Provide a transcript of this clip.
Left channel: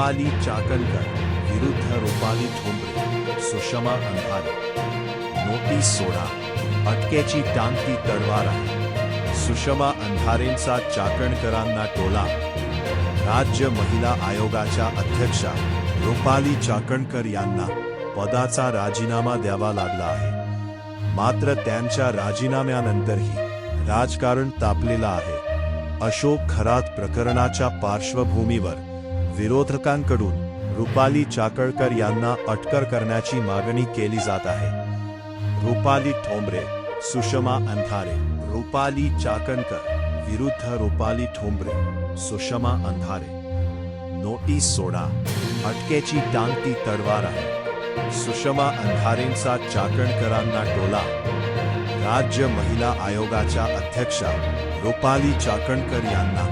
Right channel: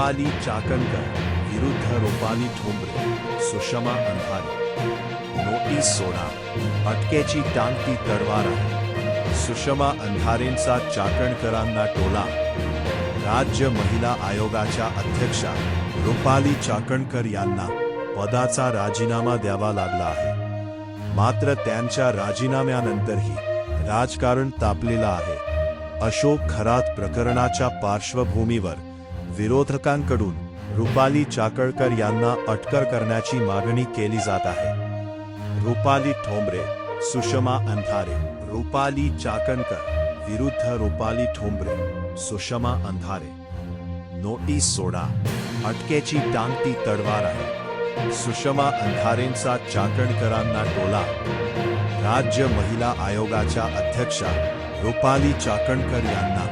रुपाली चाकणकर विरुद्ध रुपाली ठोंबरे, सुषमा अंधारे। नोटीस सोडा, अटकेची टांगती तलवार आहे। सुषमा अंधारेंचा चाकणकरांना टोला। राज्य महिला आयोगाच्या अध्यक्षा रुपाली चाकणकर यांना पदाचा राजीनामा द्यावा लागला आहे। मात्र त्यांच्या राजीनाम्यानंतरही राजकारण तापलेलं आहे। अशोक खरात प्रकरणाच्या पार्श्वभूमीवर विरोधकांकडून रुपाली चाकणकर यांना अटक करण्याची मागणी केली जात आहे। रुपाली ठोंबरे, सुषमा अंधारे। रुपाली चाकणकर विरुद्ध रुपाली ठोंबरे, सुषमा अंधारे। नोटीस सोडा, अटकेची टांगती तलवार आहे। सुषमा अंधारेंचा चाकणकरांना टोला। राज्य महिला आयोगाच्या अध्यक्षा रुपाली चाकणकर यांना